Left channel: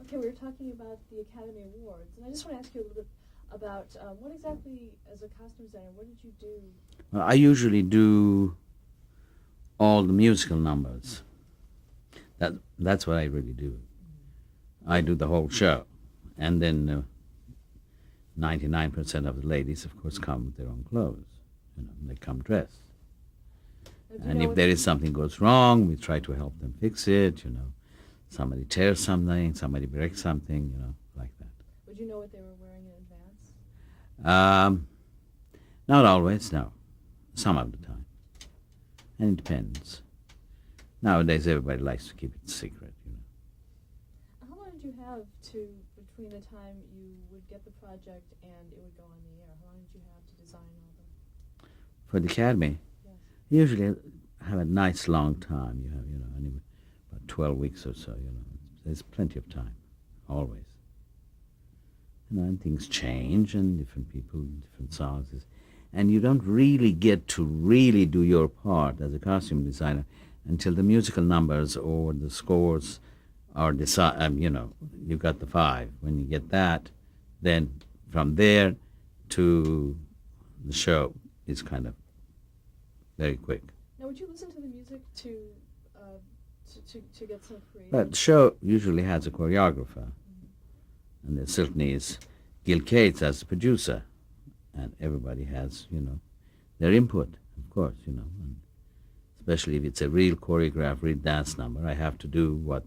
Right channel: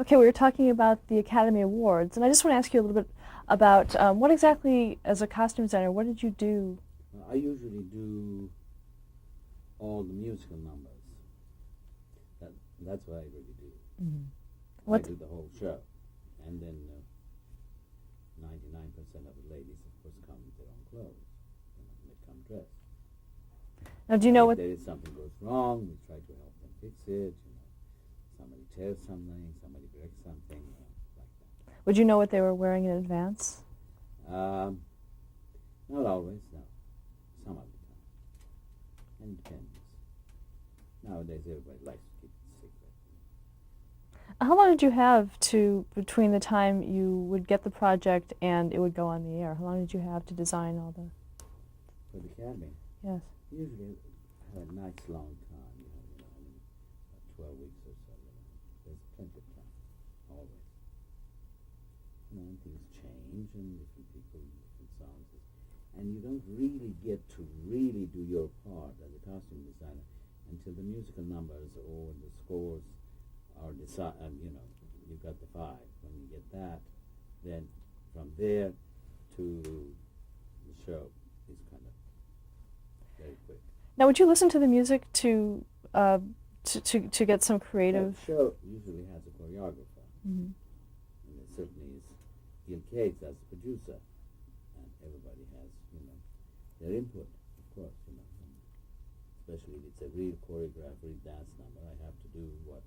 Okay, we were talking about the Academy Awards, and I just want to ask you a little bit about what exactly, as a costume designer, what did you do? Well, I usually do all the musical numbers. That's what I really do. I What? do the whole show, and then 99% of the ladies, of course, come with their own clothes. They come dressed. Now, do you And know if what? there is something goes wrong, we try to help them fix it. Somebody tears something, somebody breaks something, like Would you know what they were wearing in advance? that. Not always, no. Some of the time, and it depends. Nowadays, everybody likes to keep it secret. How long did you have to between the time you would get the project and it would go on the air? How long did you have to design all the? For the academy, Yes. usually have a nice long time. About 12 weeks or so. There's plenty of time, always. And things change, and different people, different songs, and you don't really get to really do your part as a costume designer until the musical numbers or the scores are decided. You got the five. When you get that, then from there to the show is kind of very quick. Now, would you listen to the music to get some But creative? the show usually has a choreographer, Mhm. and there certainly is Gil Cates as the producer, and everybody has, their input, of course, and especially if it's a real choreographed, real dance number. I have to do what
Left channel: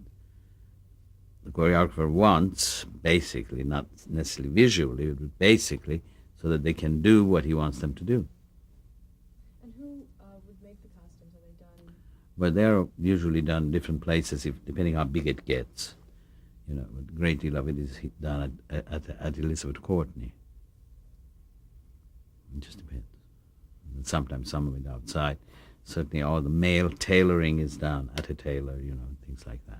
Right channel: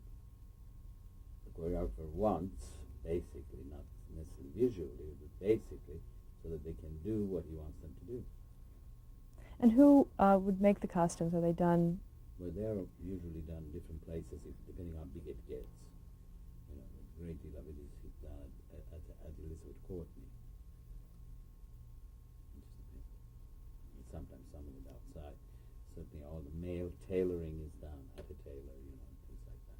the choreographer wants, basically, not necessarily visually, but basically, so that they can do what he wants them to do. And who would make the costumes? Are they done? But they're usually done in different places, if depending how big it gets. A great deal of it is done at Elizabeth Courtney. It just depends. And sometimes some of it outside. Certainly all the male tailoring is done at a tailor, things like that.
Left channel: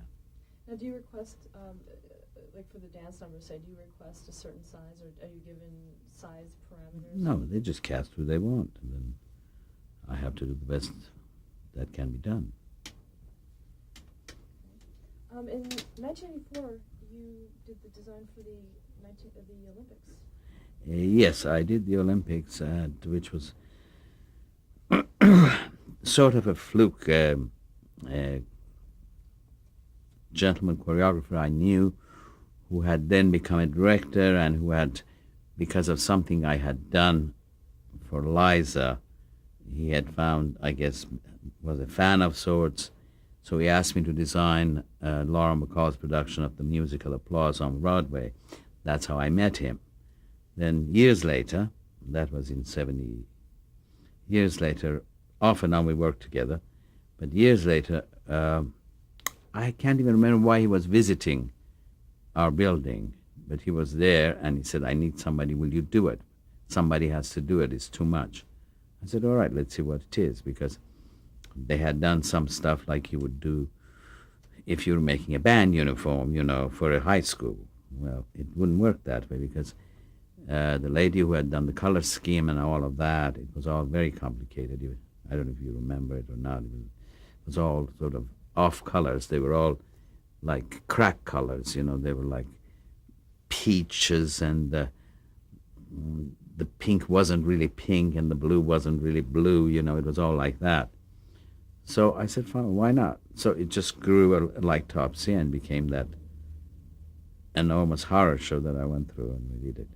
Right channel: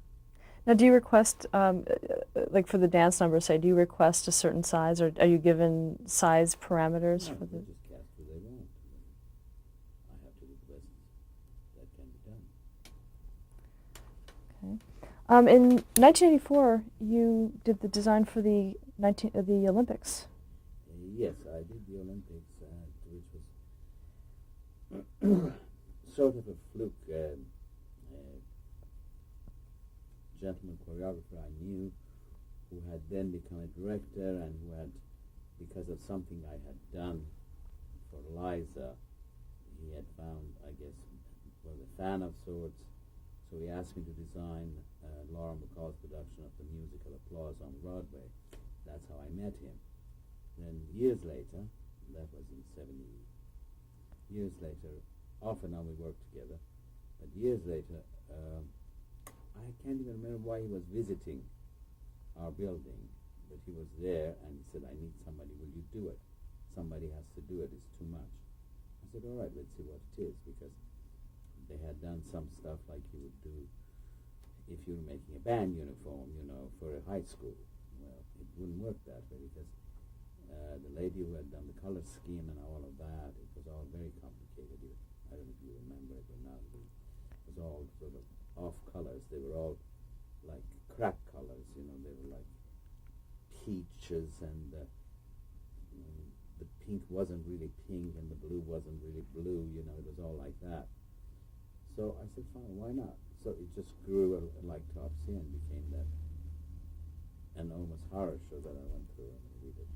Now, do you request, like for the dance number, say, do you request a certain size, or are you given size parameters? No, they just cast who they want, and then I have to do the best that can be done. Okay. In 1984, you did the design for the Olympics. Yes, I did the Olympics, which was sort of a fluke. A gentleman choreographer I knew who had then become a director and who had, because of something I had done for Liza, he had found, I guess, was a fan of sorts. So he asked me to design Laura McCall's production of the musical Applause on Broadway. That's how I met him. Then years later, that was in 70 years later, off and on we worked together, but years later, I can't even remember why he was visiting our building, but he was there and he said, I need somebody, will you do it? Somebody has to do it, it's too much. I said, all right, let's see what it is, because they had done some stuff like you would do if you were making a band uniform, for a high school. Well, it wouldn't work that way because the lady who had done the color scheme and all of that, it was all very complicated. I don't know if you remember it or not. It was all sort of off colors. They were all like crack colors, They were like peaches, and the pink wasn't really pink and the blue wasn't really blue, It was all like that. So I said, fine, why not? So it just grew like Topsy and became that enormous horror show that I went through, and we did it.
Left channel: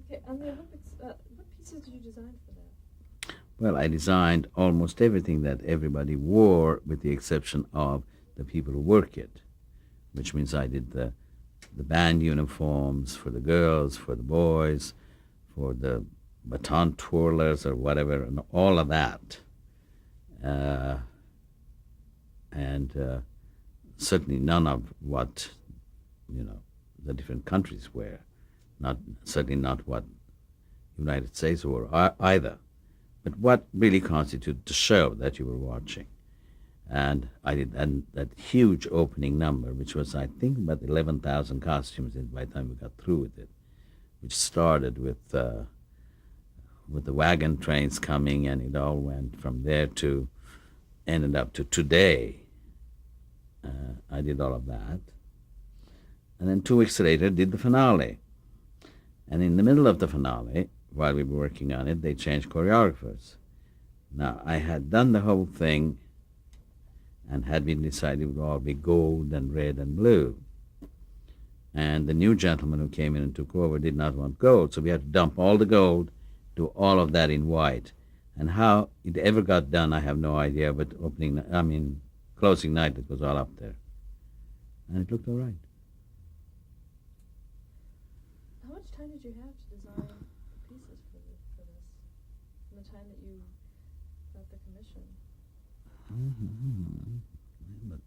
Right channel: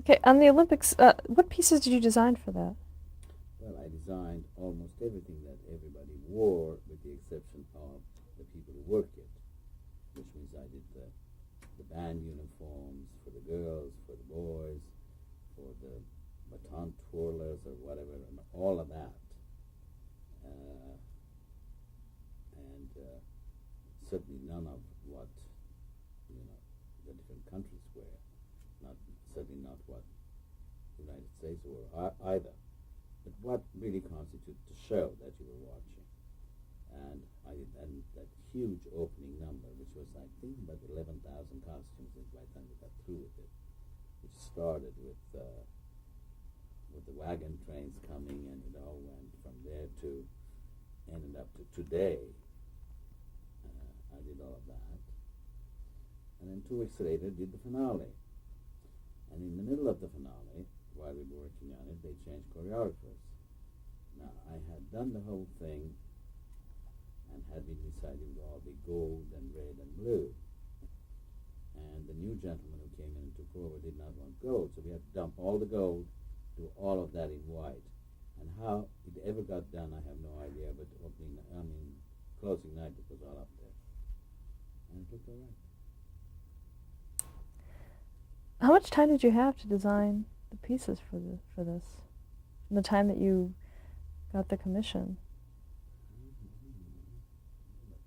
Okay, on the Olympics, what pieces did you design for that? Well, I designed almost everything that everybody wore, with the exception of the people who work it, which means I did the band uniforms for the girls, for the boys, for the baton twirlers or whatever, and all of that. Uh, and certainly none of what, the different countries wear. Certainly not what United States wore either. But what really constituted the show that you were watching. And I did that huge opening number, which was, I think, about 11,000 costumes by the time we got through with it, which started with the wagon trains coming, and it all went from there to ended up to today. I did all of that. And then 2 weeks later, did the finale. And in the middle of the finale, while we were working on it, they changed choreographers. Now, I had done the whole thing and had been decided it would all be gold and red and blue. And the new gentleman who came in and took over did not want gold, so we had to dump all the gold, do all of that in white. And how it ever got done, I have no idea, but closing night, it was all up there. And it looked all right. How much time did you have to design the pieces for this? From the time that you got the commission? But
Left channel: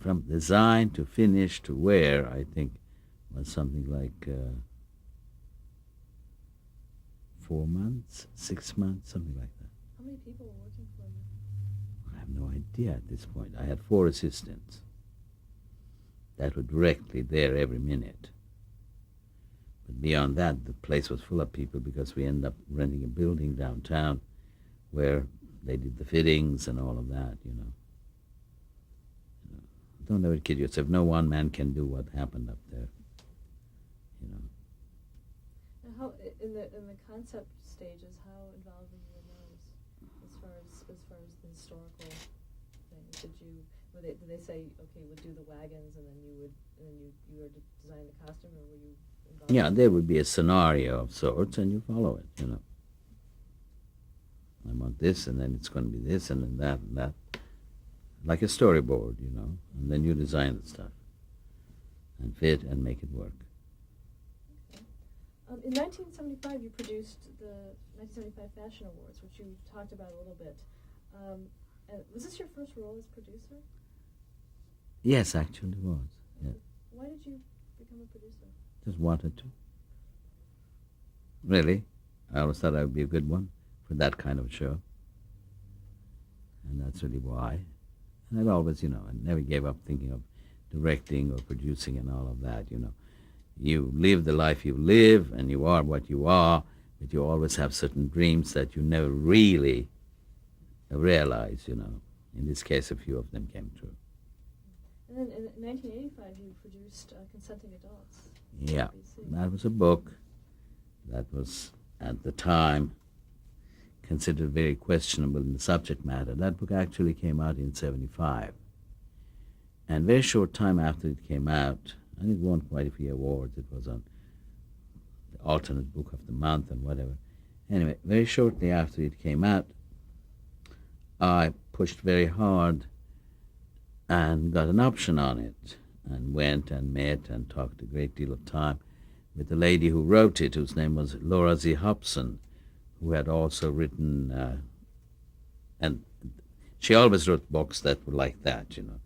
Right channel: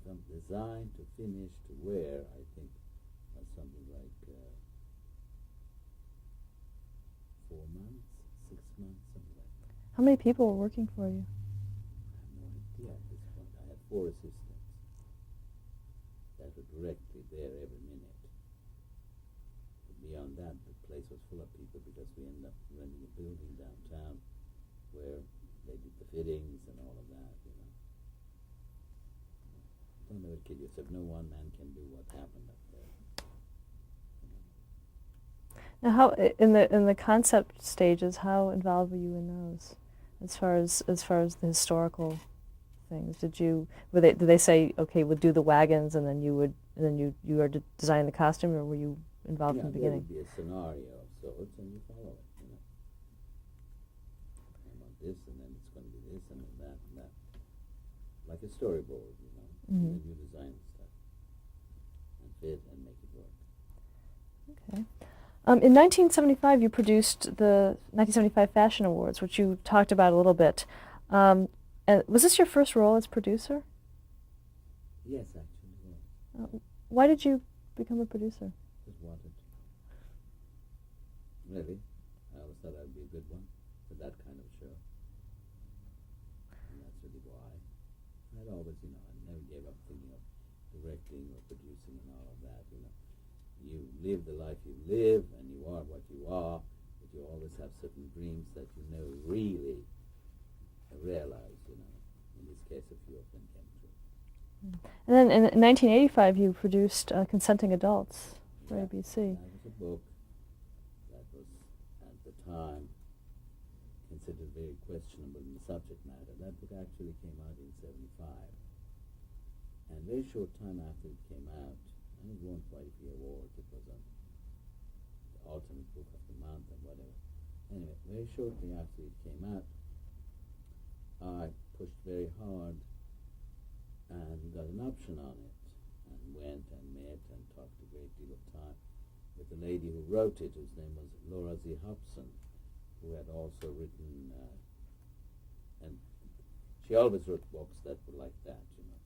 from design to finish to wear, I think was something like 4 months, 6 months, something like that. How many people were working for you? I have no idea at this point. I had 4 assistants that were directly there every minute. But beyond that, the place was full of people because we ended up renting a building downtown where they did the fittings and all of that, you know. Don't ever kid yourself. No one man can do what happened up there, you know. Now, how in the concept stages, how involved were you in those, as far as the historical things? Did they say, okay, we'll do the wagons, and then you were designing the costume, or were you involved? Yeah, there would be a scenario of sorts, and you follow it, you know. I want this, and then it's going to be this, and then that, and that. Like a storyboard, you know. And then you design the stuff and fit and make it work. Okay. In 1975, you produced the 1975 Fashion Awards, which you talked about a little bit. And was this your first role as producer? Yes, actually it was. Yeah. Why did you become a producer? Just wanted to. Really. I always thought I would be a good one for that kind of show. And that's really why. And I've always, you know, I never gave up thinking of directing or producing and all of that, you know. You live the life you live, and you are what you are, but you always have certain dreams that you never really realize, you know. In this case, a few of them came true. And then in 1985, you produced Consenting Adults. Yeah, ABC. That was a book that was, at the time, considered very questionable in the subject matter. That book actually came out in 1975. And very short time after it came out, and it won quite a few awards. It was on the alternate book of the month and whatever. Anyway, very shortly after it came out, I pushed very hard and got an option on it, and went and met and talked a great deal of time with the lady who wrote it, whose name was Laura Z. Hobson, who had also written, and she always wrote books that were like that, you know.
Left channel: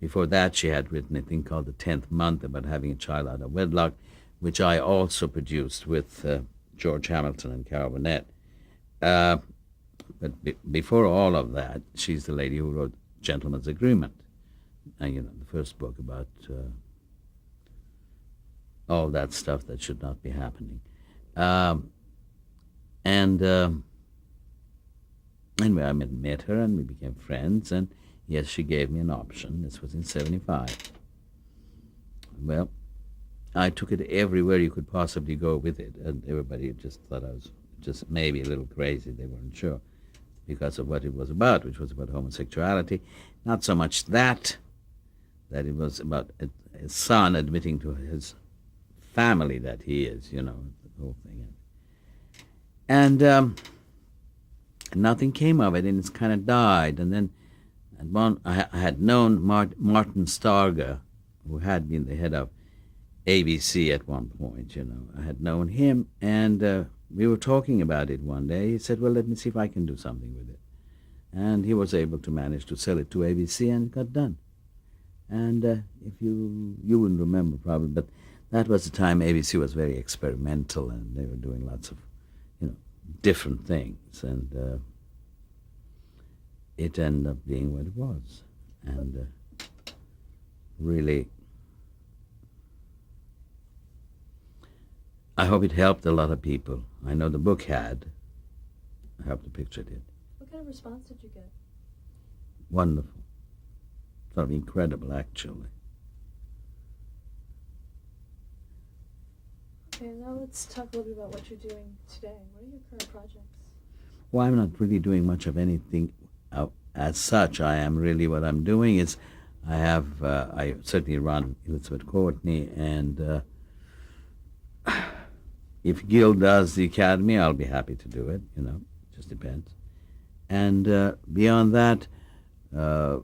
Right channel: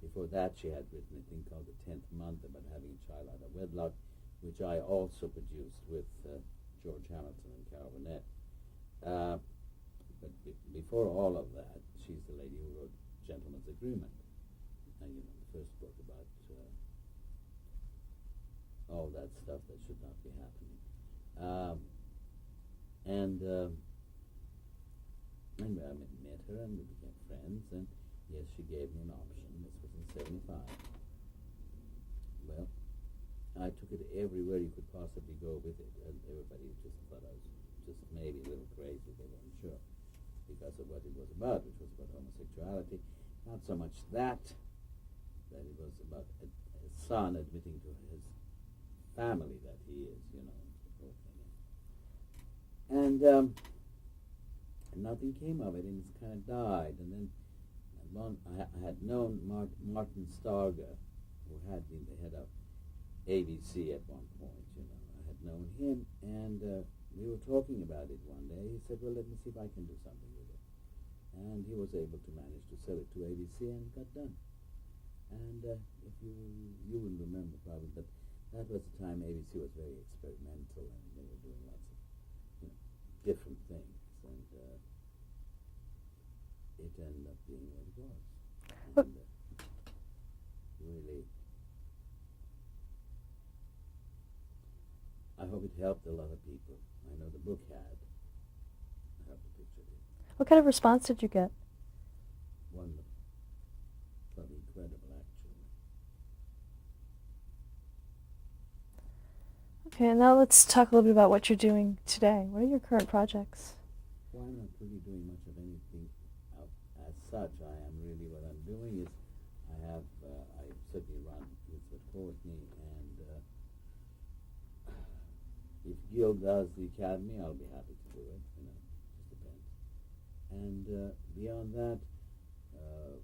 Before that, she had written a thing called The 10th Month about having a child out of wedlock, which I also produced with George Hamilton and Carol Burnett. But before all of that, she's the lady who wrote Gentleman's Agreement, and, you know, the first book about all that stuff that should not be happening. Anyway, I met her, and we became friends, and yes, she gave me an option. This was in 1975. Well, I took it everywhere you could possibly go with it, and everybody just thought I was just maybe a little crazy. They weren't sure because of what it was about, which was about homosexuality. Not so much that it was about his son admitting to his family that he is, you know, the whole thing. And nothing came of it, and it's kind of died. And then I had known Martin Starger, who had been the head of ABC at one point, you know. I had known him, and we were talking about it one day. He said, well, let me see if I can do something with it. And he was able to manage to sell it to ABC, and it got done. And if you wouldn't remember probably, but that was the time ABC was very experimental, and they were doing lots of, you know, different things. And it ended up being what it was. And really, I hope it helped a lot of people. I know the book had. I hope the picture did. What kind of response did you get? Wonderful. sort of incredible, actually. Okay, and now let's talk a little bit about what you're doing today. What are your current projects? Well, I'm not really doing much of anything as such. What I'm doing is I certainly run Elizabeth Courtney, and if Gil does the Academy, I'll be happy to do it, just depends. And beyond that, uh,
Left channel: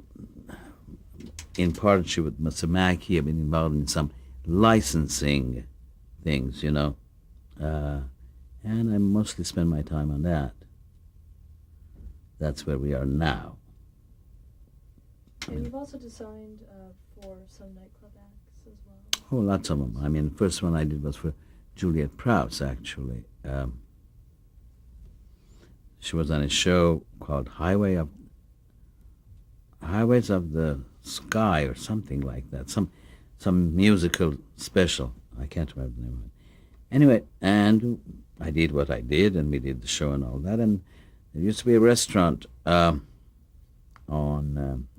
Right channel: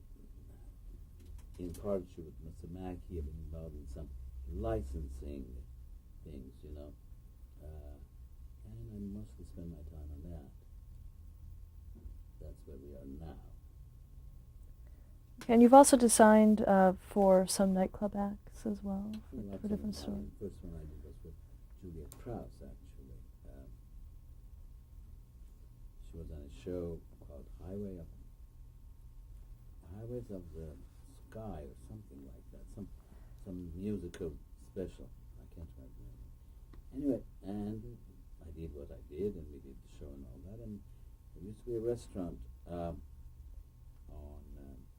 in partnership with Masamaki, I've been involved in some licensing things, and I mostly spend my time on that. That's where we are now. And you've also designed for some nightclub acts as well. Oh, lots of them. I mean, the first one I did was for Juliet Prowse, actually. She was on a show called Highways of the Sky or something like that. Some musical special. I can't remember the name of it. Anyway, and I did what I did, and we did the show and all that. And there used to be a restaurant on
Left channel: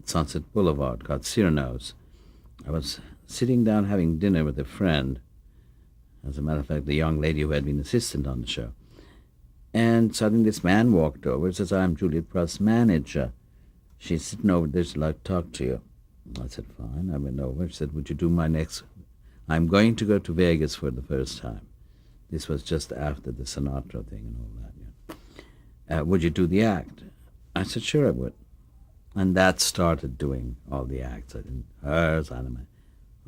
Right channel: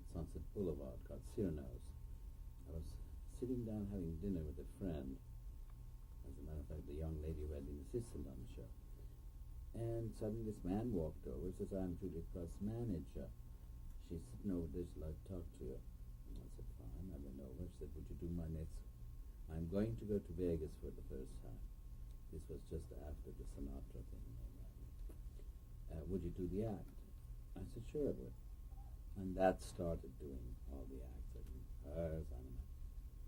Sunset Boulevard called Cyrano's. I was sitting down having dinner with a friend, as a matter of fact, the young lady who had been assistant on the show. And suddenly this man walked over and says, "I'm Juliet Prowse's manager. She's sitting over there, she'd like to talk to you." I said, "Fine." I went over. She said, "Would you do my next... I'm going to go to Vegas for the first time." This was just after the Sinatra thing and all that. Yeah. "Would you do the act?" I said, "Sure, I would." And that started doing all the acts. I did hers, anime.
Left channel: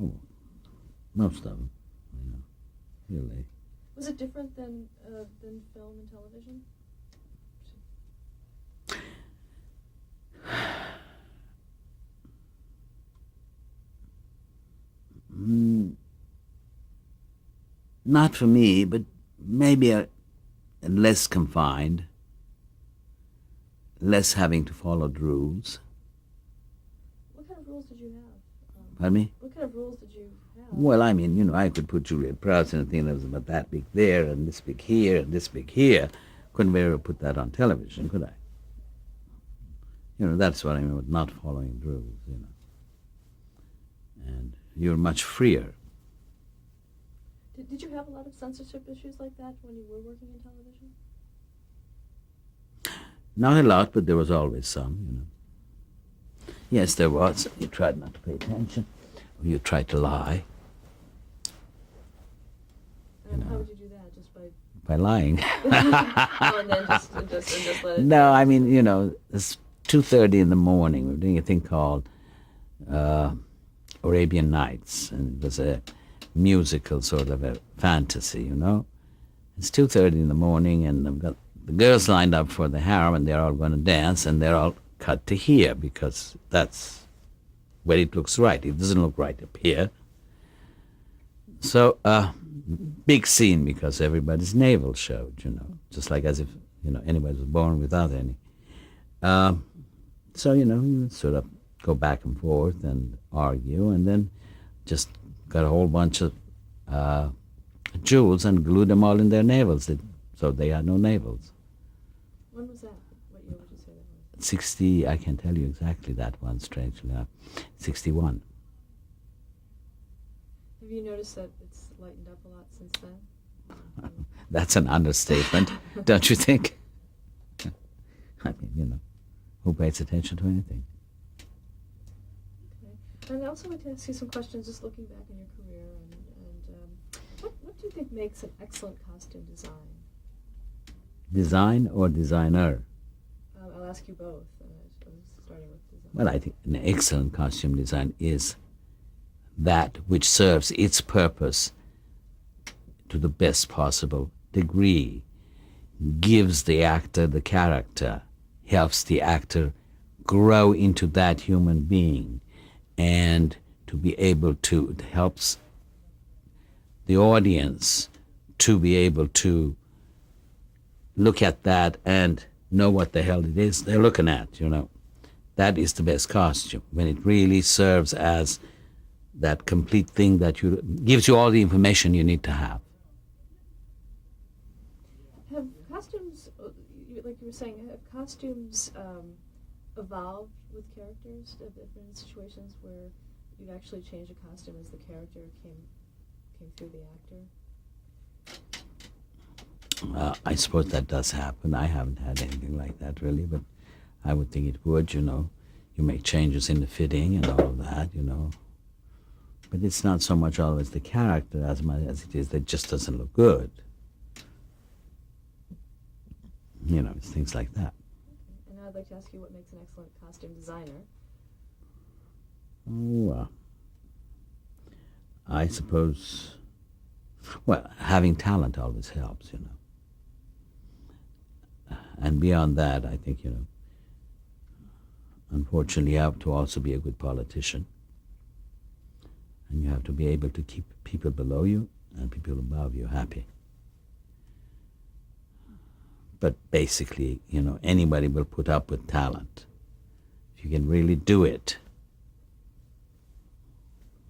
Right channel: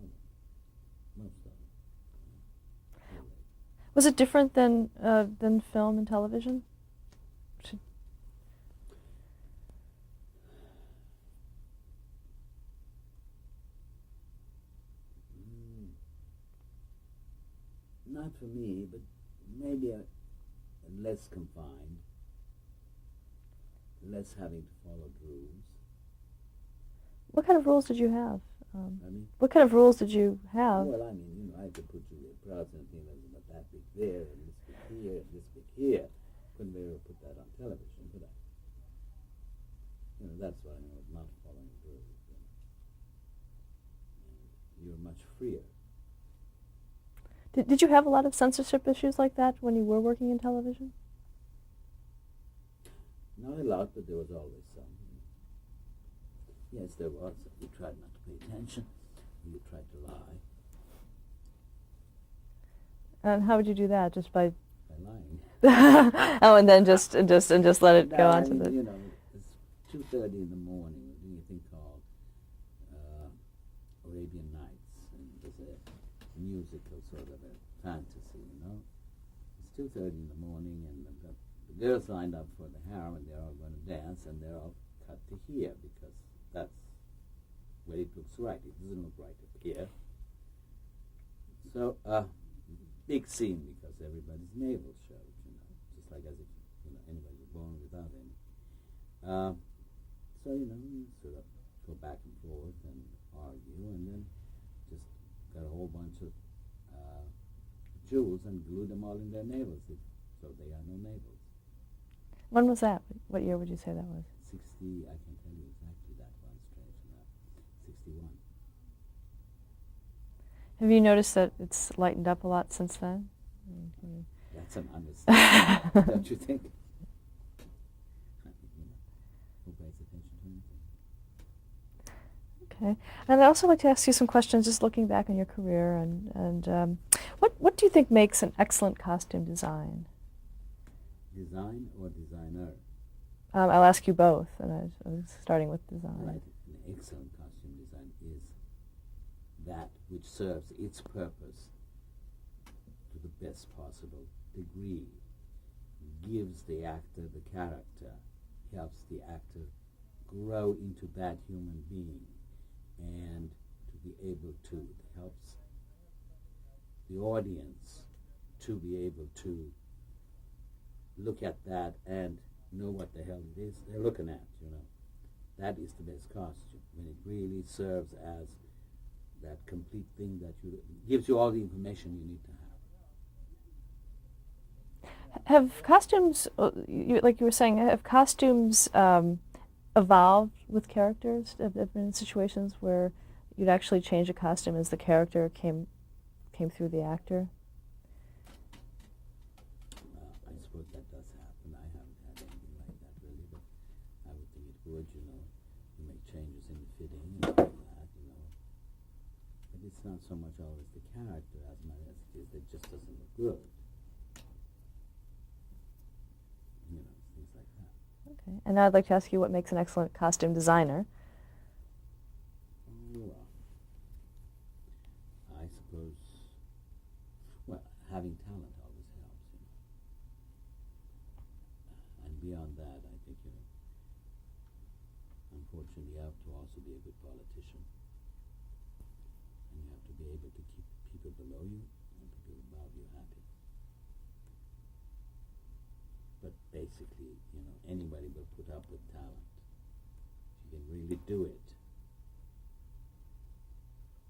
Oh, most of them, really. Was it different than film and television? Not for me, but maybe less confined, less having to follow the rules. What kind of rules did you have? Pardon me? What kind of rules did you have? Well, I mean, I could put Juliet Prowse in a thing that was about that big there, and this big here, and this big here. Couldn't very well put that on television, could I? That's what I mean with not following the rules, And you're much freer. Did you have a lot of censorship issues like that when you were working in television? Not a lot, but there was always some, Yes, there was. You tried not to pay attention, or you tried to lie. And how would you do that? Just by lying. Oh, and then just let it go. No, I mean, it's 2:30 in the morning. We're doing a thing called Arabian Nights, and it was a musical sort of a fantasy, It's 2:30 in the morning, and I've got the girls lined up for the harem, and they're all going to dance, and they're all cut to here because that's where it looks right. It doesn't look right up here. So, big scene because everybody's navel showed, just like as if, anybody was born without any. So, you sort of go back and forth and argue, and then just got a whole bunch of jewels and glued them all in their navels, so they had no navels. When was that? What year would you say that was? 60, I can tell you exactly that one, strangely enough. 61. Have you noticed that it's lightened up a lot since then? That's an understatement, don't you think? I mean, who pays attention to anything? Okay. And I'd also like to ask you some questions, just looking back on your career, and what do you think makes an excellent costume design? Design or designer? I'll ask you both, and I was starting with design. Well, I think an excellent costume design is that which serves its purpose to the best possible degree, gives the actor the character, helps the actor grow into that human being, and to be able to, it helps the audience to be able to look at that and know what the hell it is they're looking at, That is the best costume, when it really serves as that complete thing that gives you all the information you need to have. Have costumes, like you were saying, have costumes evolved with characters? Have there been situations where you'd actually change a costume as the character came through the actor? I suppose that does happen. I haven't had anything like that really, but I would think it would, you know. You make changes in the fitting and all of that, you know. But it's not so much always the character as much as it is that it just doesn't look good. You know, it's things like that. Okay. And now I'd like to ask you what makes an excellent costume designer. Oh, I suppose, well, having talent always helps, you know. And beyond that, I think, you know, unfortunately, you have to also be a good politician. And you have to be able to keep people below you and people above you happy. But basically, you know, anybody will put up with talent. If you can really do it,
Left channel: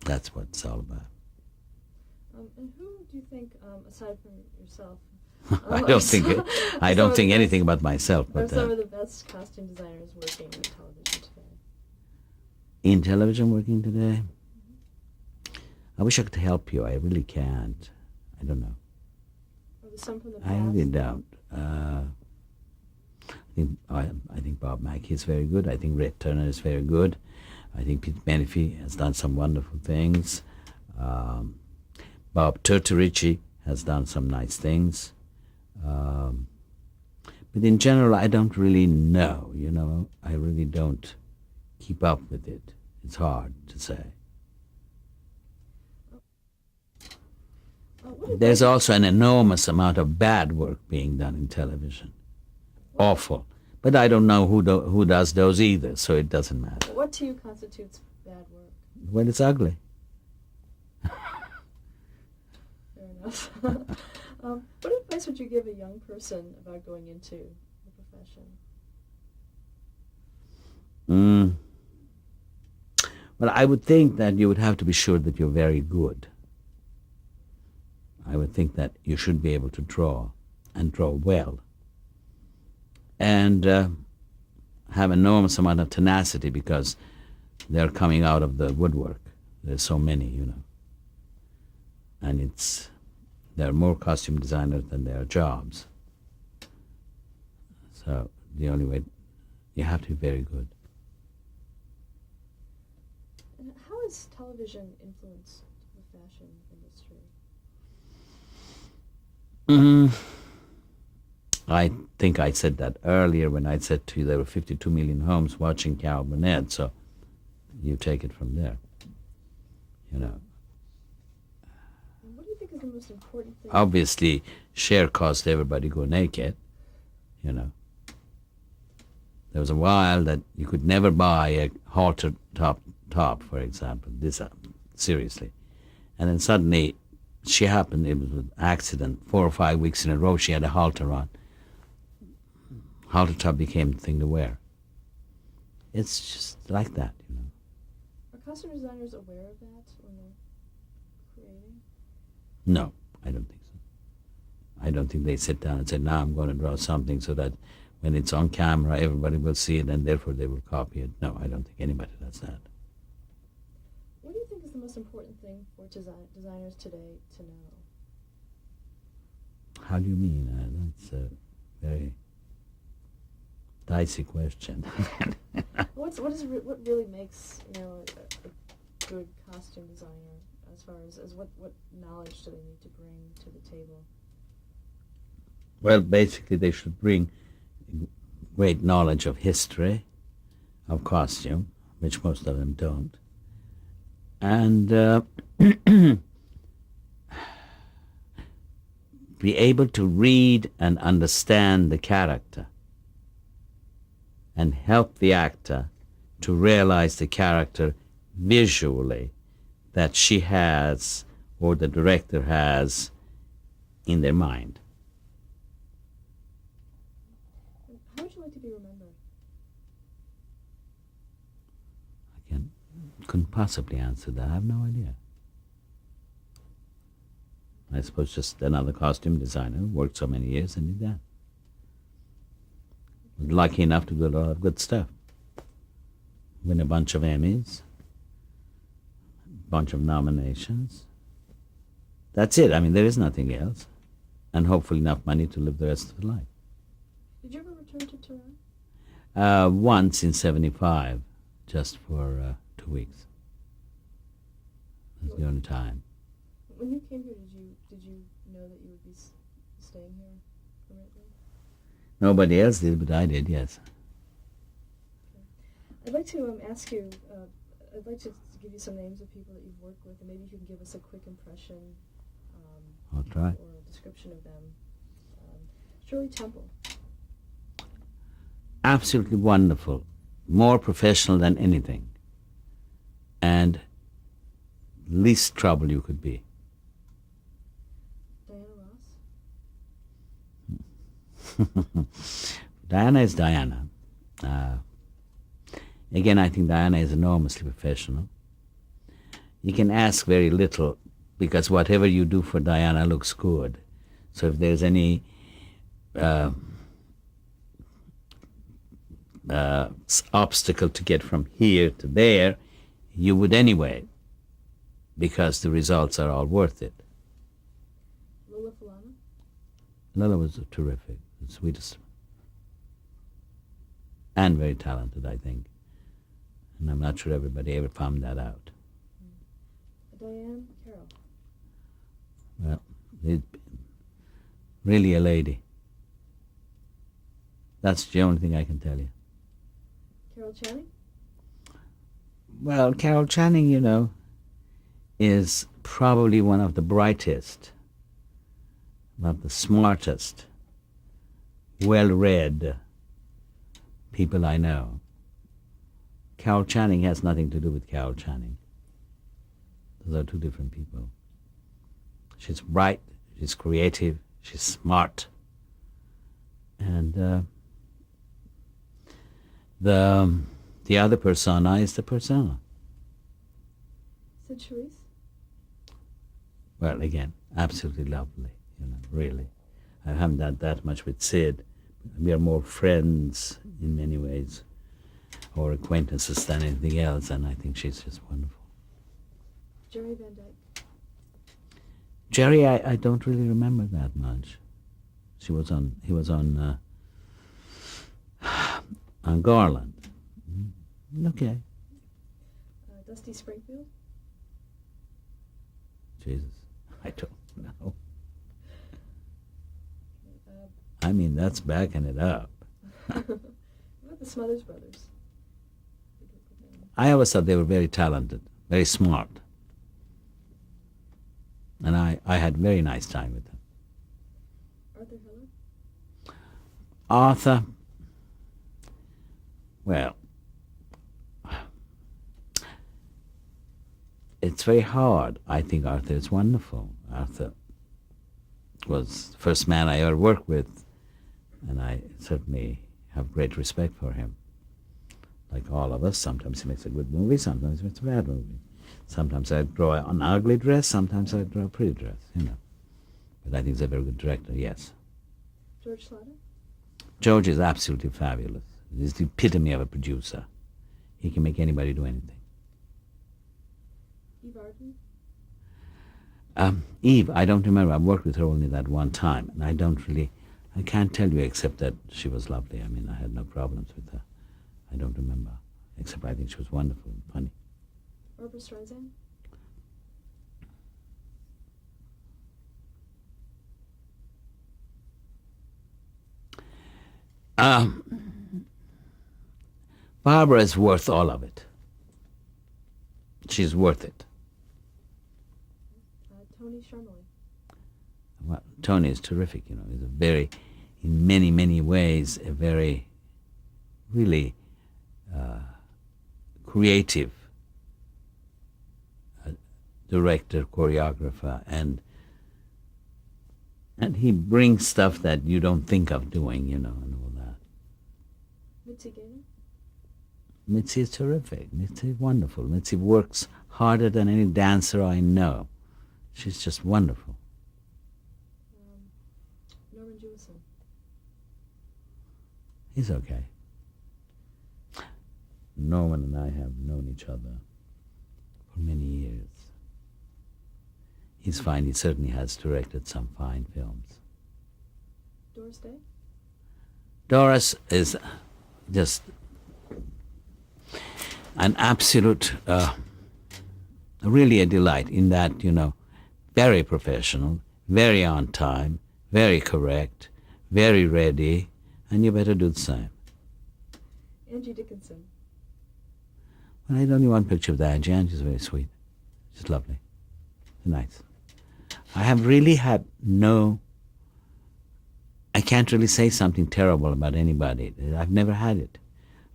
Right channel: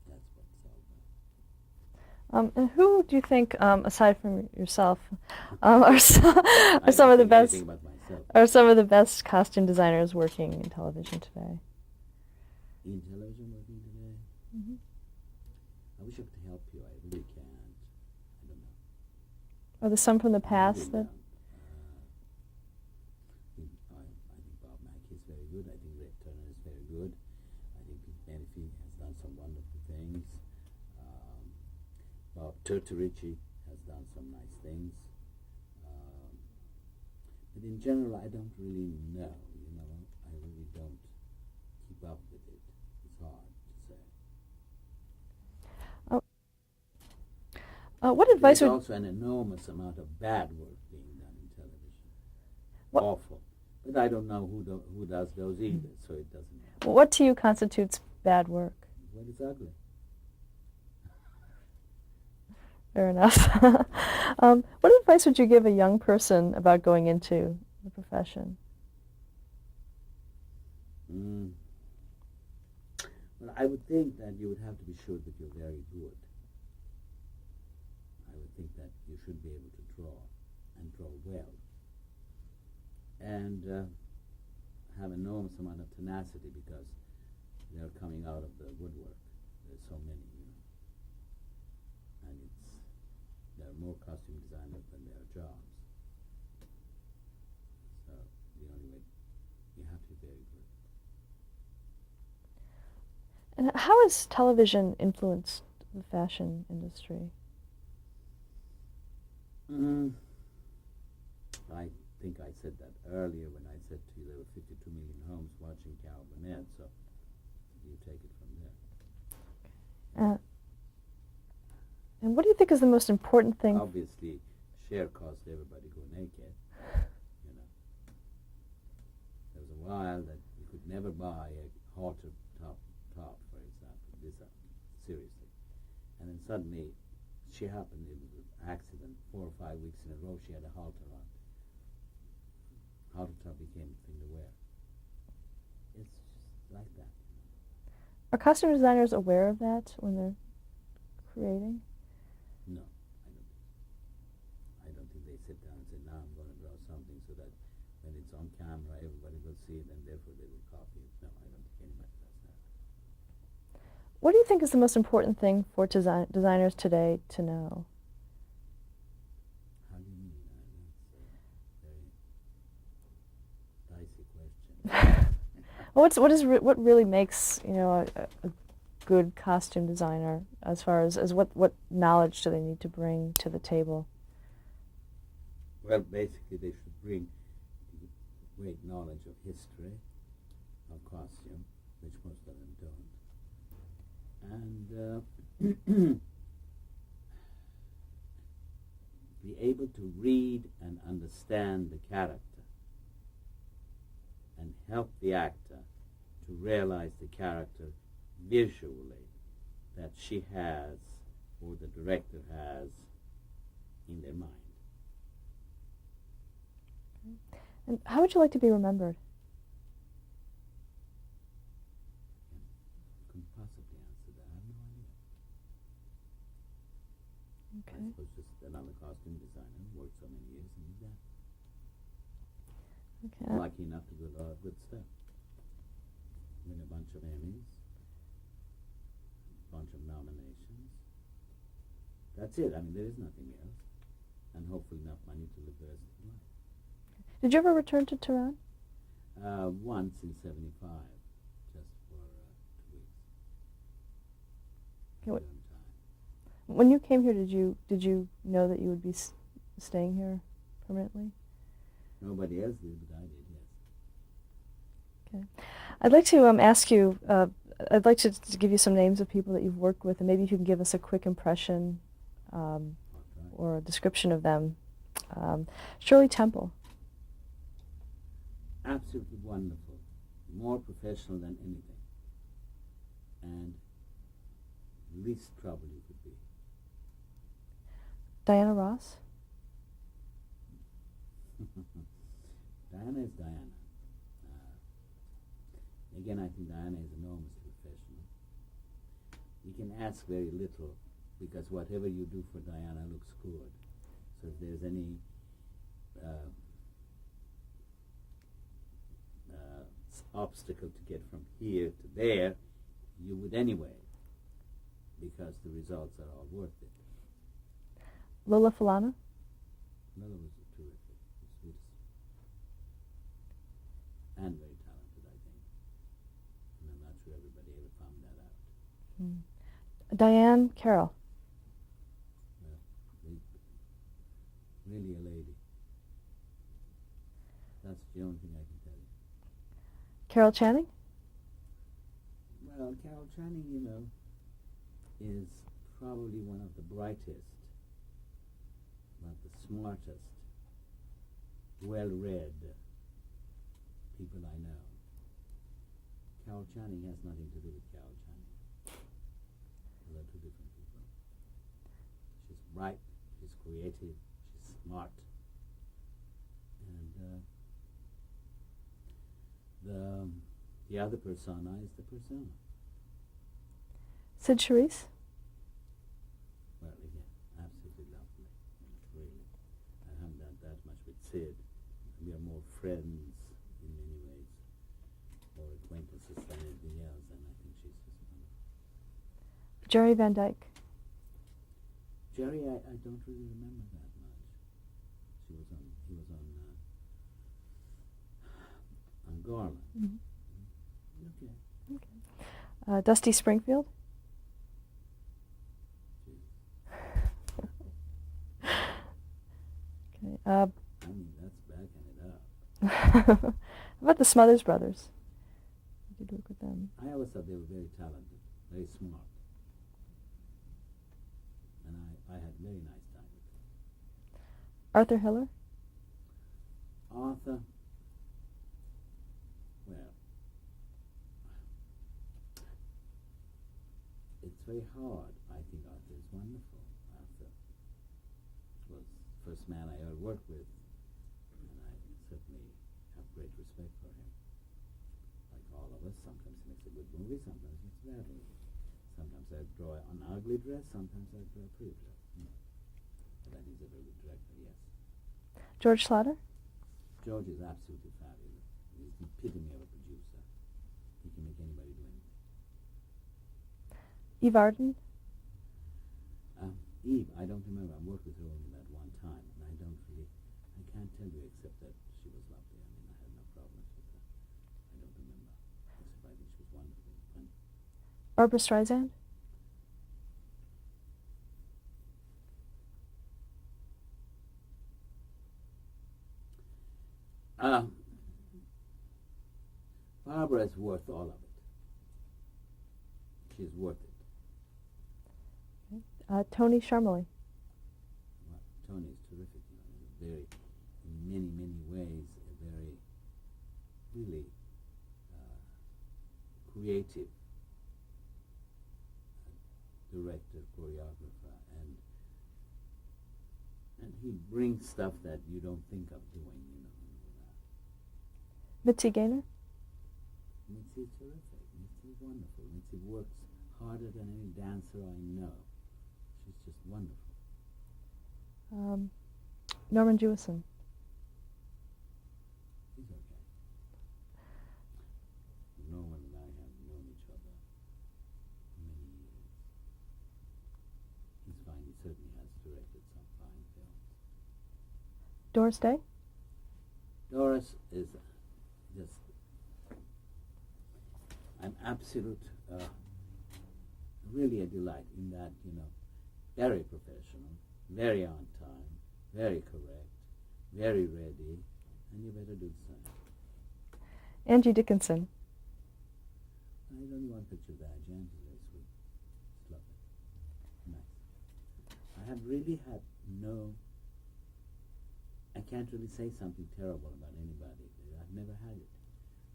that's what it's all about. And who do you think, aside from yourself, I don't think, I don't think anything about myself. Are But, some of the best costume designers working in television today? in television working today, I wish I could help you. I really can't. I don't know. Are there some from the I past? really don't. I think Bob Mackey is very good. I think Red Turner is very good. I think Pete Menifee has done some wonderful things. Bob Turturici has done some nice things. But in general, I don't really know, you know. I really don't keep up with it. It's hard to say. What advice? There's also an enormous amount of bad work being done in television. What- Awful. But I don't know who does those either, so it doesn't matter. What to you constitutes bad work? Well, it's ugly. Fair enough. What advice would you give a young person about going into the profession? Well, I would think that you would have to be sure that you're very good. I would think that you should be able to draw, and draw well, and have enormous amount of tenacity because they're coming out of the woodwork. There's so many, you know. And there are more costume designers than there are jobs. So the only way, you have to be very good. And how has television influenced the fashion industry? I think I said that earlier when I said to you there were 52 million homes watching Carol Burnett, so you take it from there. Yeah. And what do you think is the most important thing? Obviously, Cher caused everybody go naked, you know. There was a while that you could never buy a halter top, for example, seriously. And then suddenly, she happened, it was an accident, 4 or 5 weeks in a row she had a halter on. Halter top became the thing to wear. It's just like that, you know. Are costume designers aware of that when they're creating? No, I don't think so. I don't think they sit down and say, now I'm going to draw something so that when it's on camera, everybody will see it and therefore they will copy it. No, I don't think anybody does that. What do you think is the most important thing for designers today to know? How do you mean? That's a very dicey question. What really makes, you know, a good costume designer as far as what knowledge do they need to bring to the table? Well, basically they should bring great knowledge of history, of costume, which most of them don't, and be able to read and understand the character and help the actor to realize the character visually that she has or the director has in their mind. And how would you like to be remembered? Couldn't possibly answer that. I have no idea. Okay. I suppose just another costume designer who worked so many years and did that. Okay. Lucky enough to do a lot of good stuff. win a bunch of Emmys, bunch of nominations. That's it. I mean, there is nothing else. And hopefully enough money to live the rest of the life. Did you ever return to Tehran? Once in 75, just for 2 weeks. That's the only time. When you came here, did you know that you would be staying here permanently? Nobody else did, but I did, yes. Okay. I'd like to ask you, I'd like to give you some names of people that you've worked with, and maybe if you can give us a quick impression I'll try. or a description of them. Shirley Temple. Absolutely wonderful. More professional than anything. And least trouble you could be. Diana Ross. Diana is Diana. Again, I think Diana is enormously professional. You can ask very little because whatever you do for Diana looks good. So if there's any obstacle to get from here to there, you would anyway, because the results are all worth it. Lola Falana. Lola was terrific, the sweetest, and very talented, I think. And I'm not sure everybody ever found that out. Diane Carroll. Well, really a lady. That's the only thing I can tell you. Carol Channing. Well, Carol Channing, you know, is probably one of the brightest, one of the smartest, well-read people I know. Carol Channing has nothing to do with Carol Channing. Those are two different people. She's bright, she's creative, she's smart. And the other persona is the persona. Sid Charisse. Well, again, absolutely lovely, you know, really. I haven't done that much with Sid. We are more friends in many ways, or acquaintances than anything else, and I think she's just wonderful. Jerry Van Dyke. Jerry, I don't really remember that much. He was on Garland. Mm-hmm. Okay. Dusty Springfield. Jesus, I don't know. Okay. I mean, that's backing it up. How about the Smothers Brothers? Did you work with them? I always thought they were very talented, very smart. And I had a very nice time with them. Arthur Hiller. Arthur, well, it's very hard. I think Arthur is wonderful. Arthur was the first man I ever worked with, and I certainly have great respect for him. Like all of us, sometimes he makes a good movie, sometimes he makes a bad movie. Sometimes I draw an ugly dress, sometimes I draw a pretty dress, you know. But I think he's a very good director, yes. George Schlatter. George is absolutely fabulous. He's the epitome of a producer. He can make anybody do anything. Eve Arden. Eve, I don't remember. I've worked with her only that one time, and I can't tell you except that she was lovely. I mean, I had no problems with her. I don't remember, except I think she was wonderful and funny. Barbara Streisand. Barbara is worth all of it. She's worth it. Tony Sharmali. Well, Tony is terrific, you know. He's a very, in many, many ways, a very, really creative director, choreographer, and he brings stuff that you don't think of doing, you know, and all that. Mitzi Gaynor. Mitzi is terrific. Mitzi is wonderful. Mitzi works harder than any dancer I know. She's just wonderful. Norman Jewison. He's okay. Norman and I have known each other for many years. He's fine. He certainly has directed some fine films. Doris Day? Doris is just an absolute, really a delight in that, very professional, very on time, very correct, very ready, and you better do the same. Angie Dickinson? Well, I had only one picture of that. Jan, she's very sweet. She's lovely. Nice. I have really had I can't really say something terrible about anybody. I've never had it.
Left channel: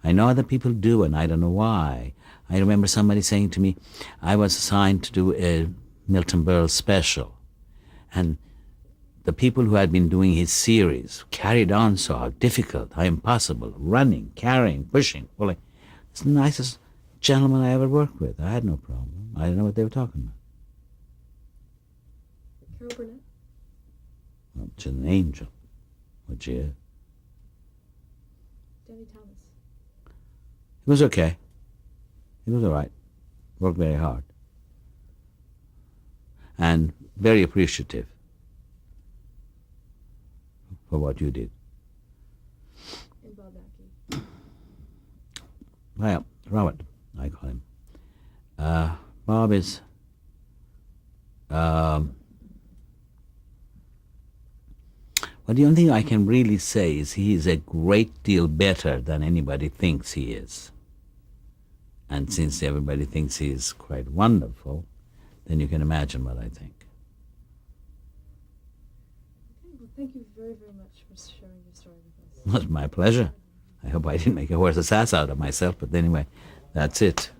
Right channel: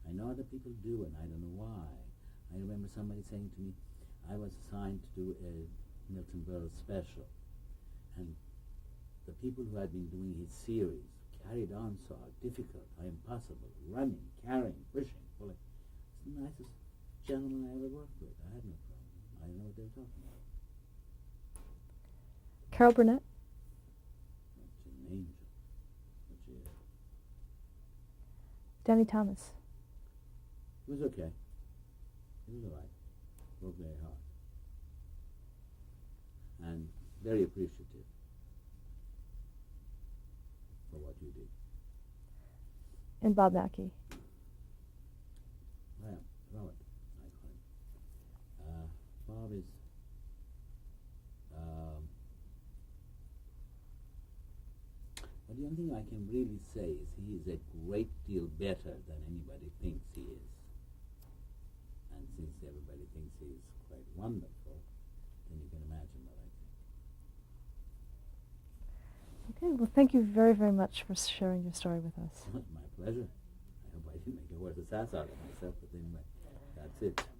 I know other people do, and I don't know why. I remember somebody saying to me, I was assigned to do a Milton Berle special, and the people who had been doing his series carried on so how difficult, how impossible, running, carrying, pushing, pulling. It's the nicest gentleman I ever worked with. I had no problem. I didn't know what they were talking about. Carol Burnett? Well, she's an angel, what she is. Danny Thomas? It was okay. It was all right. Worked very hard. And very appreciative for what you did. And Bob Mackie? Well, Robert, I call him. Bob is... well, the only thing I can really say is he is a great deal better than anybody thinks he is. And since everybody thinks he is quite wonderful, then you can imagine what I think. Okay, well, thank you very, very much for sharing your story with us. It was my pleasure. I hope I didn't make a horse's ass out of myself, but anyway, that's it.